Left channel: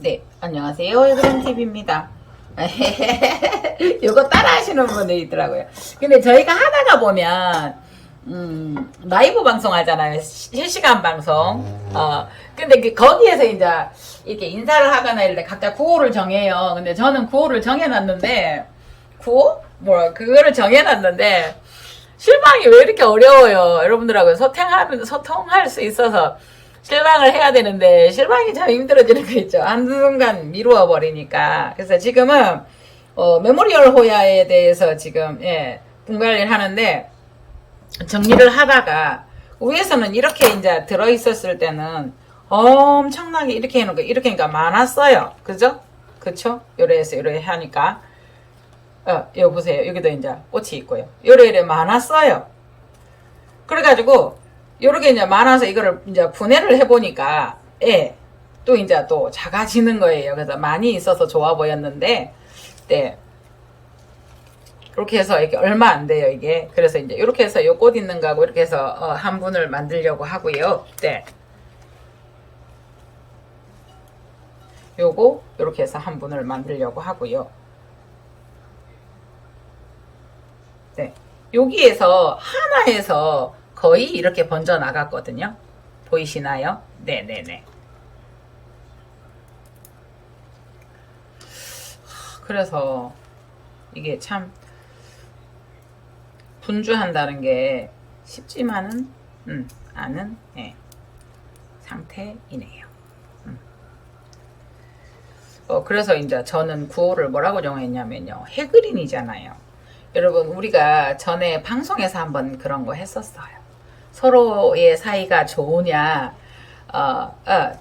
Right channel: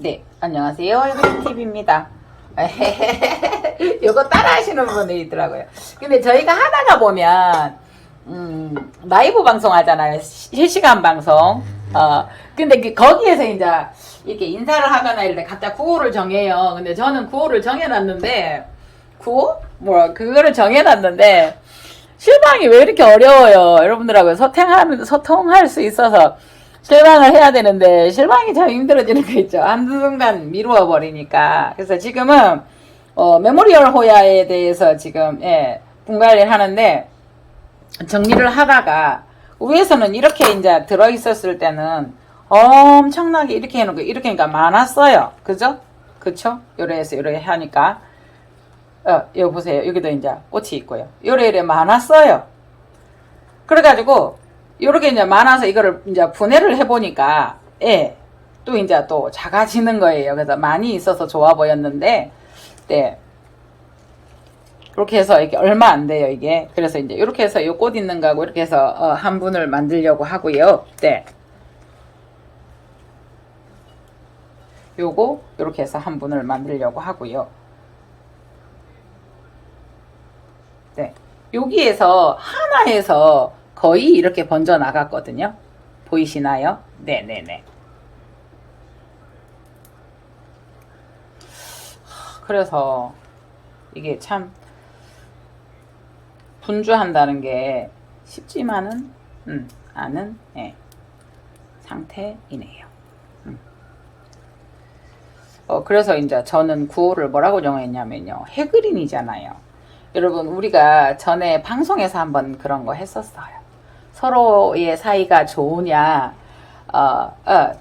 네, 안녕하세요. 에브린TV입니다. 이거 따라 하시는 분이 있더라고요. 근데 저희가 하다가 보면, 라이브 방송 하잖아요. 실시간 방송. 근데 거기에서 이제 이렇게 인사를 하거나 이럴 때 각자 구호를 정해요. 근데 저는 구호를 정해놨는데, 구호? 그거를 정해놨는데, 실방이 왜 이렇게 어려워요? 여러분들하고 소통할 수 있어서 실방을 해야 되는데 실방이 참 힘들어지는 거 있죠. 한순간 미루어 버리니까. 그래서 지금은 메모리얼 호야에 대해서 지금 분갈이를 하는데 정리를 하다가 위에서는 이렇게 이제 들어 있었을 때는 엄청나게 이렇게 해놓고 이렇게 하니까 많았어요. 그죠? 그쵸? 요래해서 요래 하니까 여기 보세요. 여기도 이제 꽃이 있고요. 요래 많았어요. 그래가지고, 요렇게 이제 많아서 이거를 이제 분해를 해보니까, 또 이제 또 작아지는 거예요. 그래서 많이 있어서 좋아 보였는데, 네. 그렇게 해서 이게 얼마 안 돼요, 이게. 그래서 이제 이렇게 해서 요 꽃 있는 거하고 이렇게 해서 한 분을 만들려고 하고요. 네. 요거, 요렇게 해서 한 분을 만들려고 하고요. 네. 여기에서 하나에서 거의 이렇게 번져 나갔거든요. 보이시나요? 네네네. 그래서 이게 참 분주한다는 게 쉽지만은 않은 상태이네요. 그래서 이제 저는 구호를 뭐라고 정했냐면요. 해그린이잖아요. 여러분 우리가 전에 방송에서 한번 그런 거 했었어요. 서로의 사이가 좋으냐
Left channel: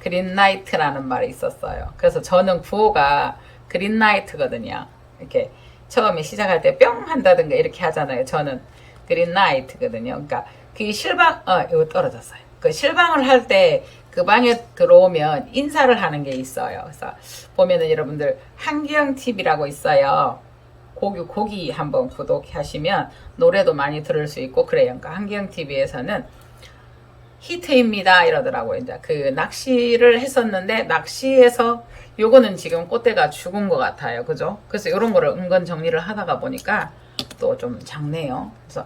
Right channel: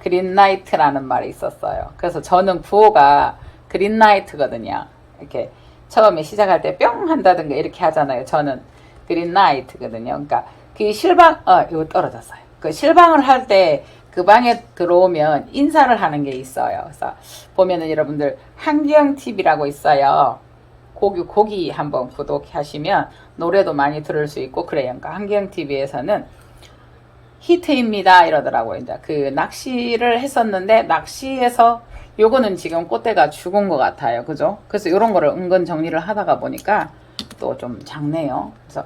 그린라이트라는 말이 있었어요. 그래서 저는 구호가 그린라이트거든요. 이렇게 처음에 시작할 때 뿅 한다든가 이렇게 하잖아요. 저는 그린라이트거든요. 그러니까 그 실방 이거 떨어졌어요. 그 실방을 할 때 그 방에 들어오면 인사를 하는 게 있어요. 그래서 보면은 여러분들 한경TV라고 있어요. 거기 한번 구독하시면 노래도 많이 들을 수 있고 그래요. 그러니까 한경TV에서는 히트입니다 이러더라고요. 이제 그 낚시를 했었는데 낚시에서 요거는 지금 꽃대가 죽은 것 같아요. 그죠? 그래서 이런 거를 은근 정리를 하다가 보니까 또 좀 작네요. 그래서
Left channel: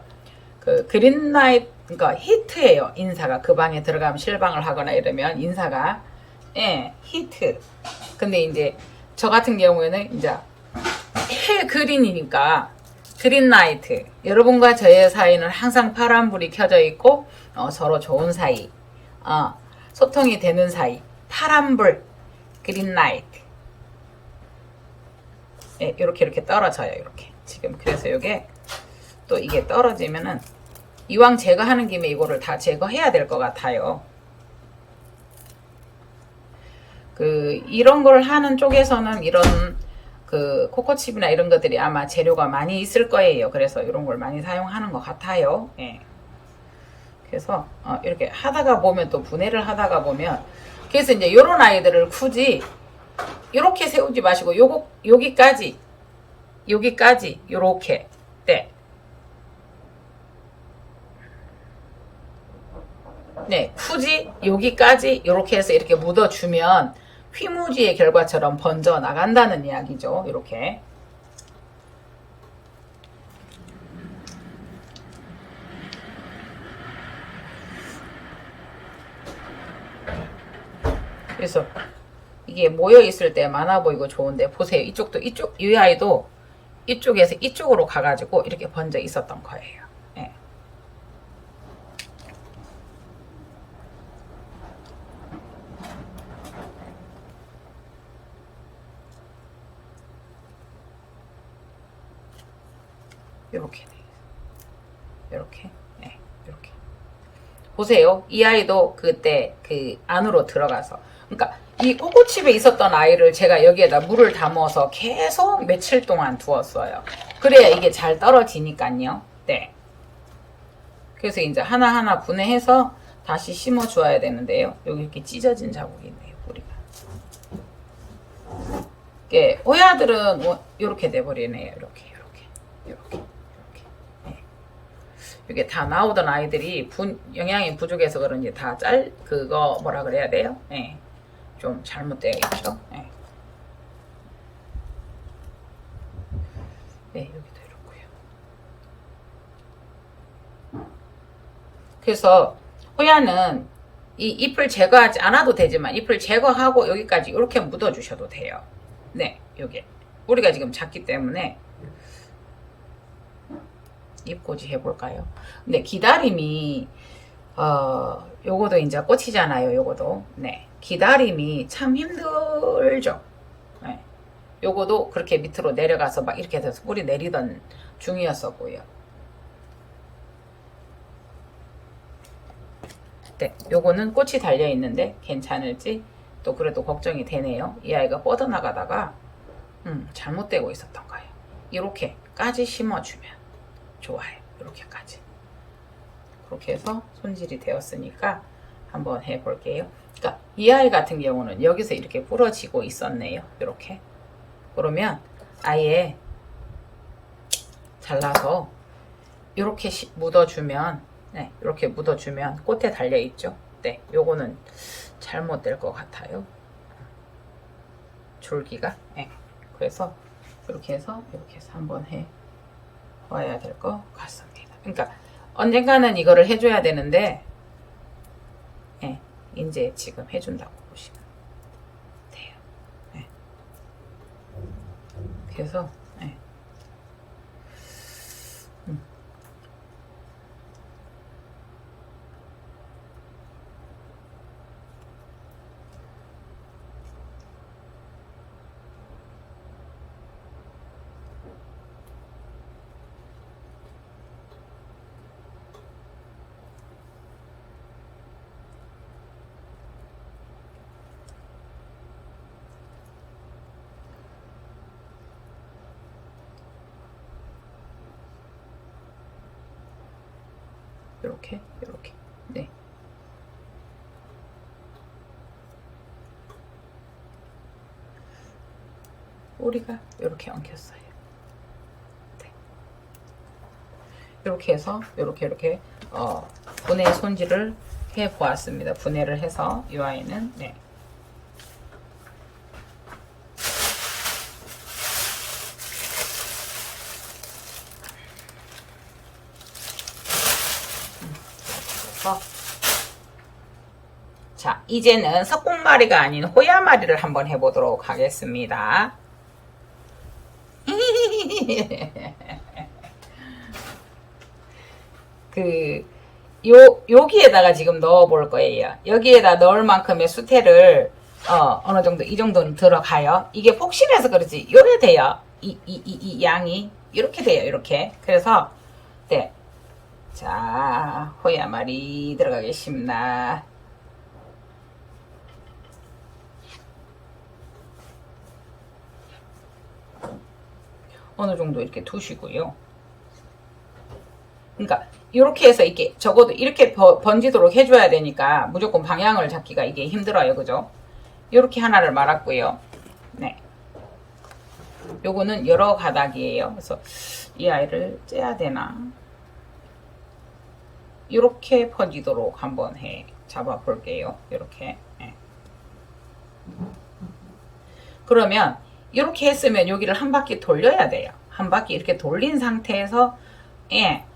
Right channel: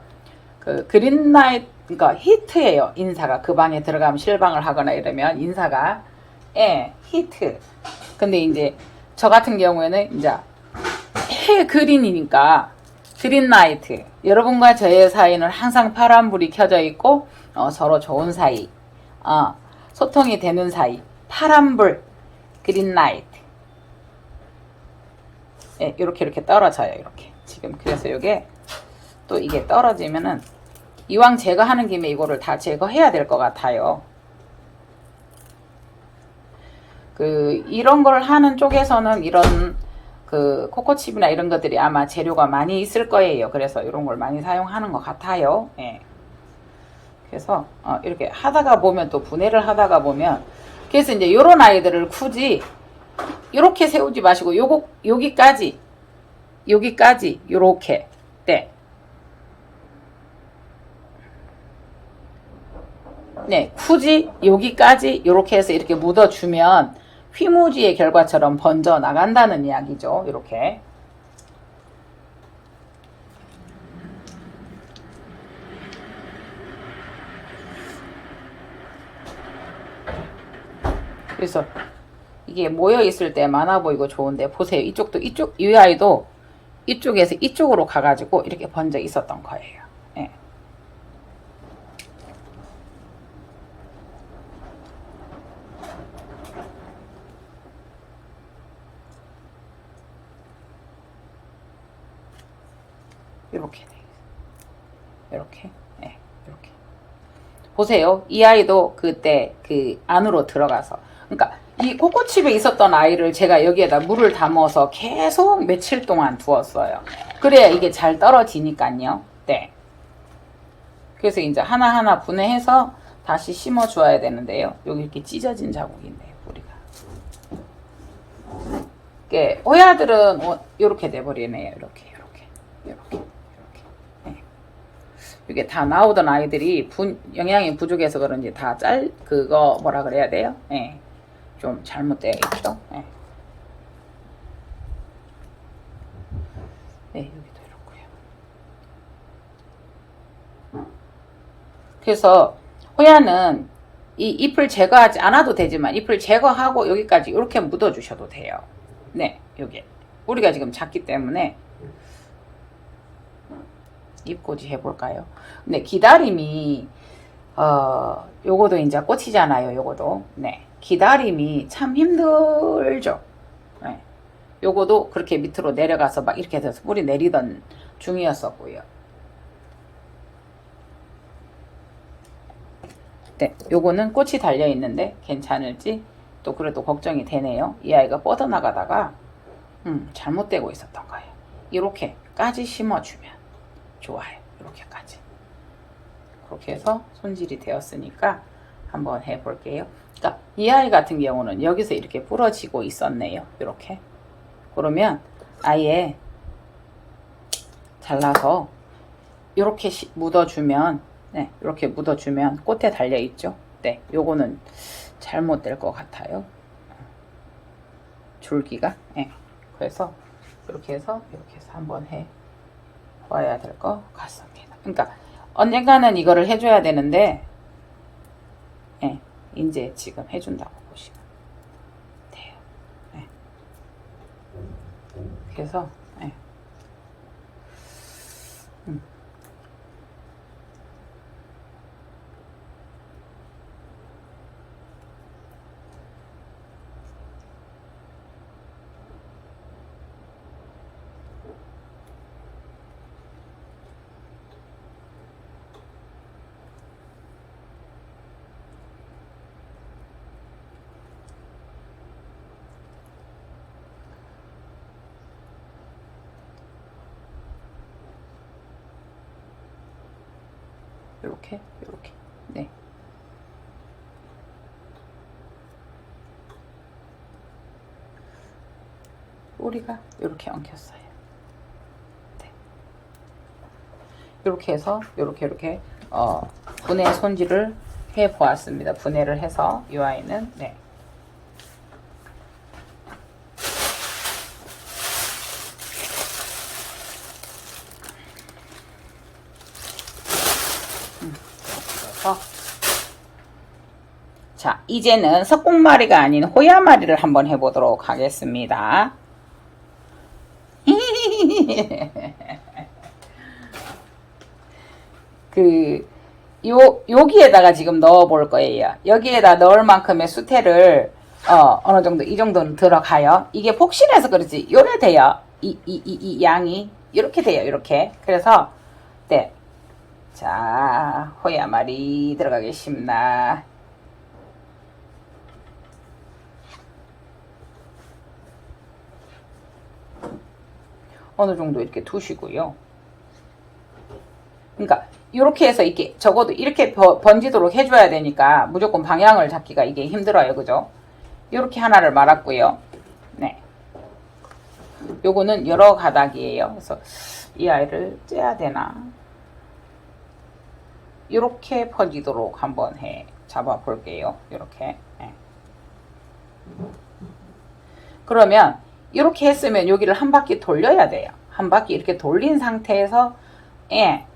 그 그린라이트 그러니까 히트예요. 인사가 그 방에 들어가면 실방을 하거나 이러면 인사가 히트. 근데 이제 저 같은 경우에는 이제 해 그린이니까 그린라이트. 여러분과 저의 사이는 항상 파란불이 켜져 있고 서로 좋은 사이, 소통이 되는 사이, 파란불, 그린라이트. 이렇게 떨어져요. 이렇게 지금 그래서 이게 또 이게 떨어지면은 이왕 제거하는 김에 이거를 다 제거해야 될 것 같아요. 이런 걸 하는 쪽에서는 이런 코코칩이나 이런 것들이 아마 재료가 많이 있을 거예요. 그래서 이런 걸 많이 사용하는 것 같아요. 그래서 이렇게 하다가 보면 또 분해를 하다가 보면 그래서 이제 요런 아이들을 굳이 이렇게 세우지 마시고 여기까지 요렇게 네, 굳이 여기까지 이렇게 해서 이렇게 묻어주면 휘무지의 결과처럼 번져 나간다는 이야기죠. 이렇게. 그래서 이게 모여 있을 때 많아 보이고 좋은데 보세요. 이 아이도 이쪽에서 이쪽으로 가가지고 이렇게 번져 있었던 거예요. 이렇게 이렇게 이렇게 보세요. 이 아이도 그때 그 안으로 들어가서 그러니까 이 코코칩에 있었던 아이를 제가 여기에다 물을 담아서 계속 며칠 동안 두었어요. 그래야 이게 잘 떨어지니까요. 네. 그래서 이제 하나하나 분해해서 다시 심어 주어야 되는데요. 여기 이렇게 찢어진 자국이 있네요. 뿌리가. 호야들은 이렇게 돼버리네요. 이렇게. 이게 다 나오던 아이들이 영양이 부족해서 그런지 다 그거 뭐라 그래야 돼요? 좀 잘못되어 있죠. 네, 여기도 이렇고요. 그래서 호야는 이 잎을 제거하지 않아도 되지만 잎을 제거하고 여기까지 이렇게 묻어 주셔도 돼요. 네, 요게 우리가 지금 작기 때문에 잎꽂이 해볼까요? 근데 기다림이 요거도 이제 꽃이잖아요. 요거도 네, 기다림이 참 힘들죠. 네, 요거도 그렇게 밑으로 내려가서 막 이렇게 돼서 뿌리 내리던 중이었었고요. 네, 요거는 꽃이 달려 있는데 괜찮을지 또 그래도 걱정이 되네요. 이 아이가 뻗어나가다가 잘못되고 있었던 거예요. 이렇게까지 심어주면 좋아요. 이렇게까지. 그렇게 해서 손질이 되었으니까 한번 해볼게요. 그러니까 이 아이 같은 경우는 여기서 이렇게 부러지고 있었네요. 이렇게. 그러면 아예 잘라서 이렇게 묻어주면 네, 이렇게 묻어주면 꽃에 달려있죠. 네, 요거는 잘못될 것 같아요. 줄기가. 네, 그래서 이렇게 해서 한번 해 봐야 될 것 같습니다. 그러니까 언젠가는 이거를 해줘야 되는데, 네, 이제 지금 해준다고 보시면 돼요. 네. 그래서 네. 이렇게 네. 꼬리가 이렇게 엉켰어요. 네. 이렇게 해서 이렇게 분해 손질을 해 보았습니다. 분해를 해서 이 아이는 네. 자, 이제는 석공마리가 아닌 호야마리를 한번 해보도록 하겠습니다. 여기에다가 지금 넣어 볼 거예요. 여기에다 넣을 만큼의 수태를, 어느 정도, 이 정도는 들어가요. 이게 폭신해서 그렇지. 요래 돼요. 이 양이. 이렇게 돼요. 이렇게. 그래서, 네. 자, 호야마리 들어가겠습니다. 어느 정도 이렇게 두시고요. 그러니까 이렇게 해서 이렇게 적어도 이렇게 번지도록 해줘야 되니까 무조건 방향을 잡기가 이게 힘들어요. 그죠? 이렇게 하나를 말았고요. 네. 요거는 여러 가닥이에요. 그래서 이 아이를 째야 되나? 이렇게 퍼지도록 한번 잡아 볼게요. 이렇게. 네. 그러면 이렇게 했으면 여기를 한 바퀴 돌려야 돼요. 한 바퀴 이렇게 돌린 상태에서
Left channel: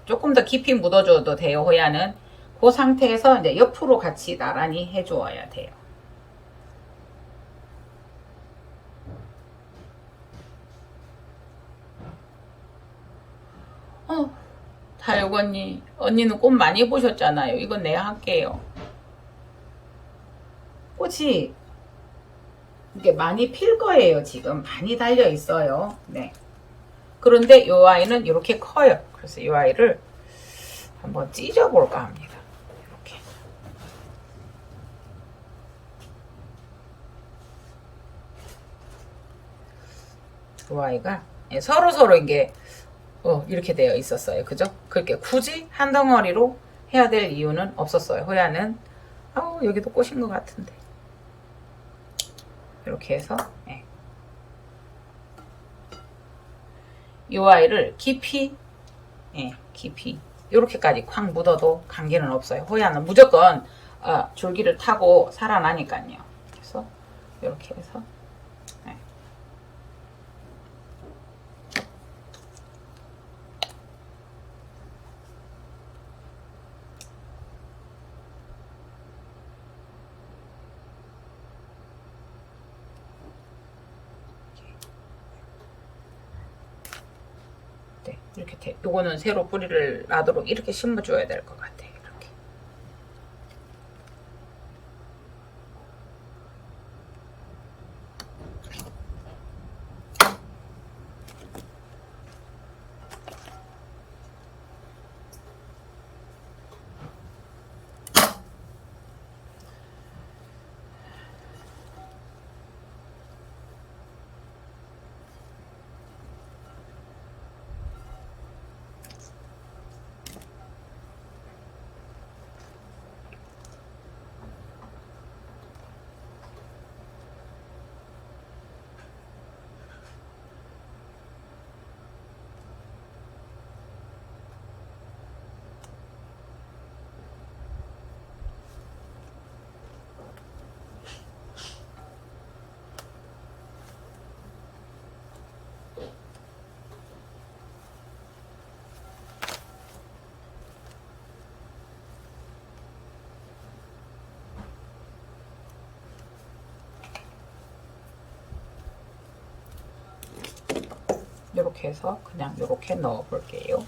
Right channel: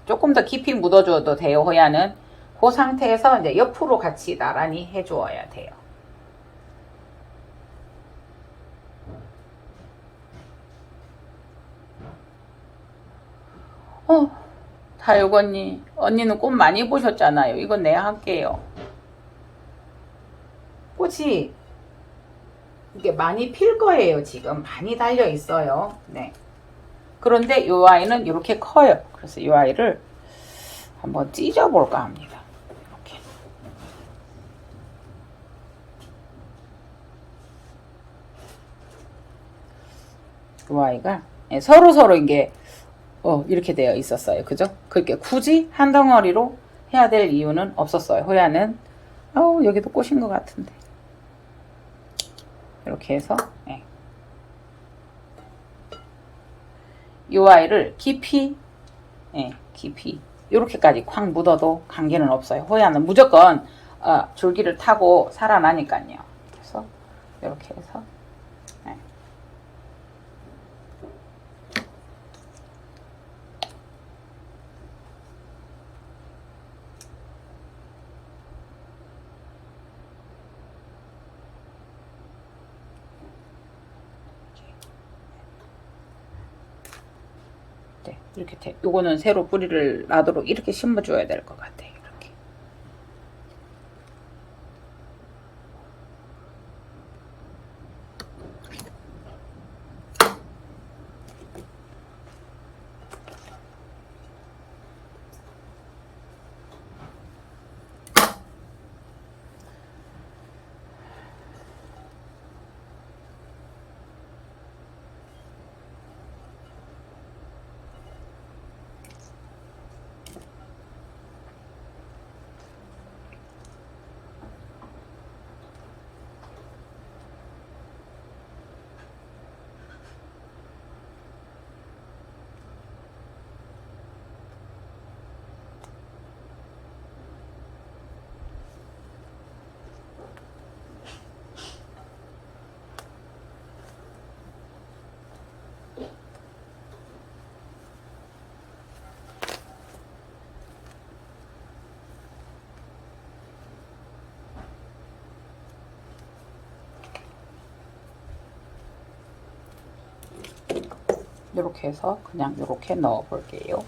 조금 더 깊이 묻어줘도 돼요. 호야는 그 상태에서 이제 옆으로 같이 나란히 해주어야 돼요. 다육 언니는 꽃 많이 보셨잖아요. 이건 내가 할게요. 꽃이 이게 많이 필 거예요. 지금 많이 달려 있어요. 네. 그런데 이 아이는 이렇게 커요. 그래서 이 아이를 한번 찢어 볼까 합니다. 이렇게. 이 아이가 서로 이게 이렇게 되어 있었어요. 그죠? 그렇게 굳이 한 덩어리로 해야 될 이유는 없었어요. 호야는 여기도 꽃인 것 같은데. 이렇게 해서 이 아이를 깊이 이렇게까지 콱 묻어도 관계는 없어요. 호야는 무조건 줄기를 타고 살아나니까요. 그래서 이렇게 해서 이렇게 요거는 새로 뿌리를 나도록 이렇게 심어줘야 될 것 같아요. 이렇게. 이렇게 해서 그냥 이렇게 넣어 볼게요.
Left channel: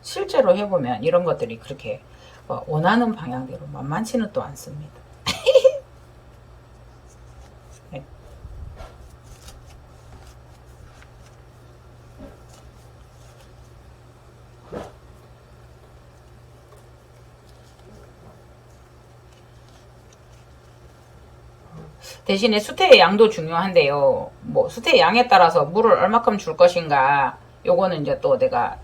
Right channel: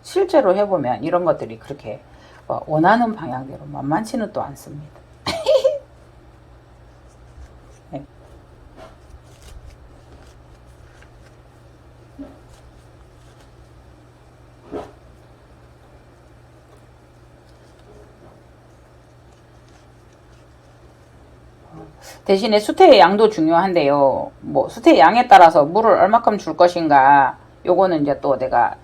실제로 해보면 이런 것들이 그렇게 원하는 방향대로 만만치는 또 않습니다. 네. 대신에 수태의 양도 중요한데요. 뭐 수태의 양에 따라서 물을 얼마큼 줄 것인가 요거는 이제 또 내가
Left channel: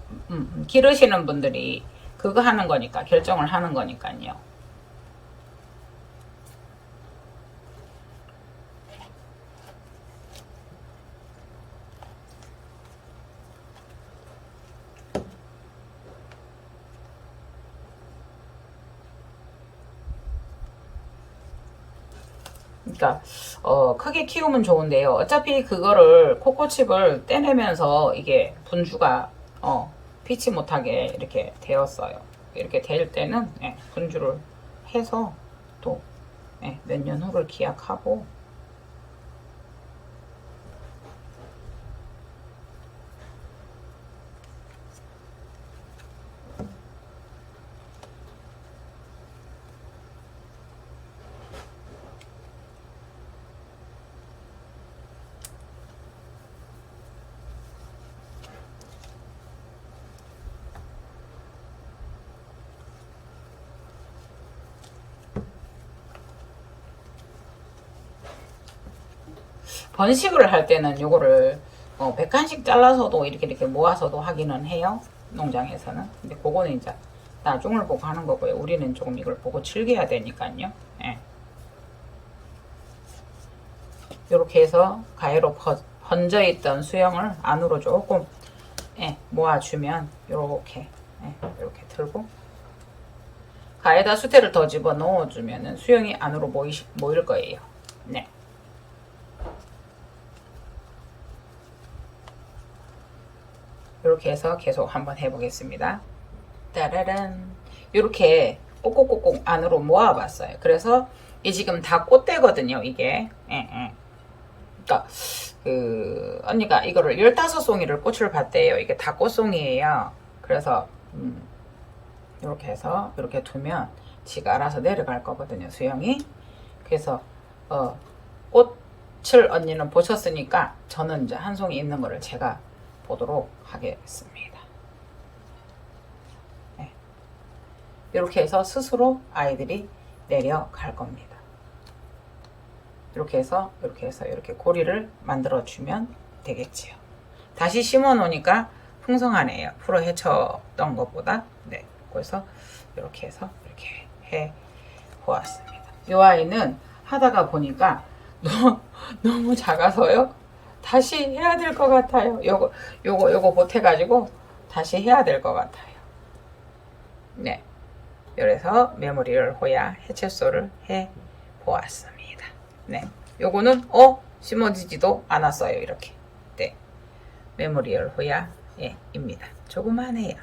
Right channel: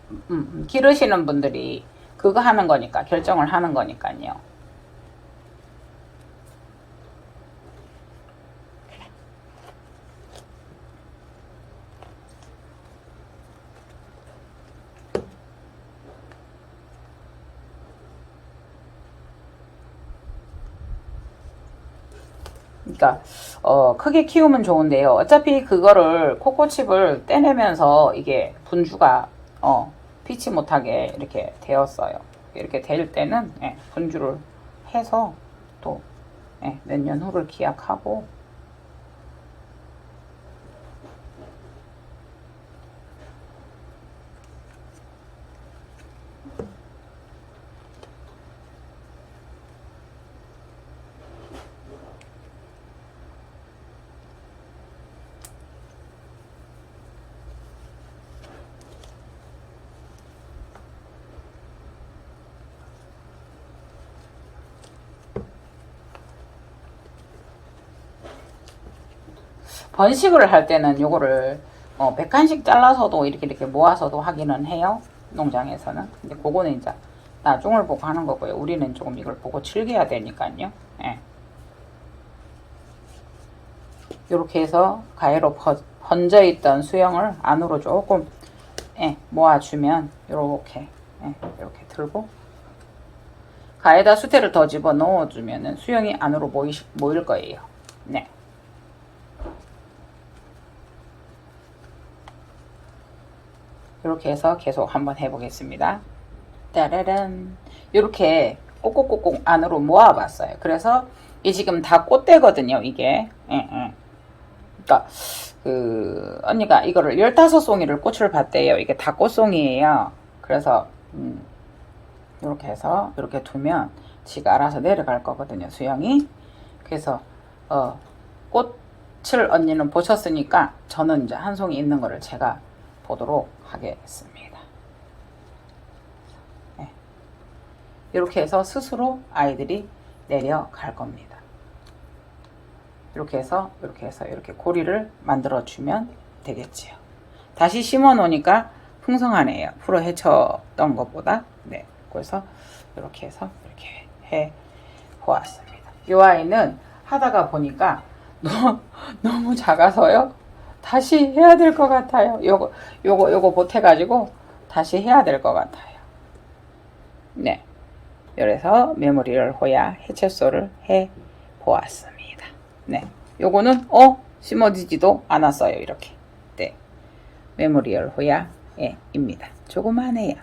기르시는 분들이 그거 하는 거니까 결정을 하는 거니까요. 그러니까 크게 키우면 좋은데요. 어차피 그거를 코코칩을 떼내면서 이게 분주가 피치 못하게 이렇게 되었어요. 이렇게 될 때는 분주를 해서 또 몇 년 후를 기약하고 번식을 할 때는 요거를 100칸씩 잘라서도 이렇게 모아서도 하기는 해요. 농장에서는. 근데 그거는 이제 나중을 보고 하는 거고요. 우리는 조금 이걸 보고 즐겨야 되니까요. 예. 이렇게 해서 가위로 번져 있던 수영을 안으로 조금 모아주면 이렇게 이렇게 들고 가에다 수태를 더 집어 넣어주면은 수영이 안으로 모일 거예요. 네. 이렇게 해서 계속 한번 해보겠습니다. 따라란. 이렇게 꼭꼭꼭꼭 안으로 모아봤어요. 그래서 이 지금 다 꽃대거든요. 이게. 그러니까 언니가 이거를 15송이를 꽃을 봤대요. 이게 다 꽃송이에요. 그래서 이렇게 해서 이렇게 두면 지가 알아서 내려갈 거거든요. 수영이. 그래서 꽃을 언니는 보셨으니까 저는 이제 한 송이 있는 거를 제가 보도록 하겠습니다. 네. 이렇게 해서 스스로 아이들이 내려갈 겁니다. 이렇게 해서 이렇게 고리를 만들어 주면 되겠지요. 다시 심어 놓으니까 풍성하네요. 풀어 헤쳤던 것보다. 네. 그래서 이렇게 해서 이렇게 해 보았습니다. 이 아이는 하다가 보니까 너무 작아서요. 다시 해야 될 것 같아요. 요거 보태가지고 다시 해야 될 것 같아요. 네. 그래서 메모리를 호야 해체소를 해 보았습니다. 네. 요거는 심어지지도 않았어요. 이렇게. 네. 메모리얼 호야 입니다. 조그만해요.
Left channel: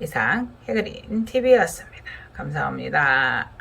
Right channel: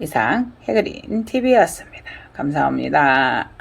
이상 해그린 TV였습니다. 감사합니다.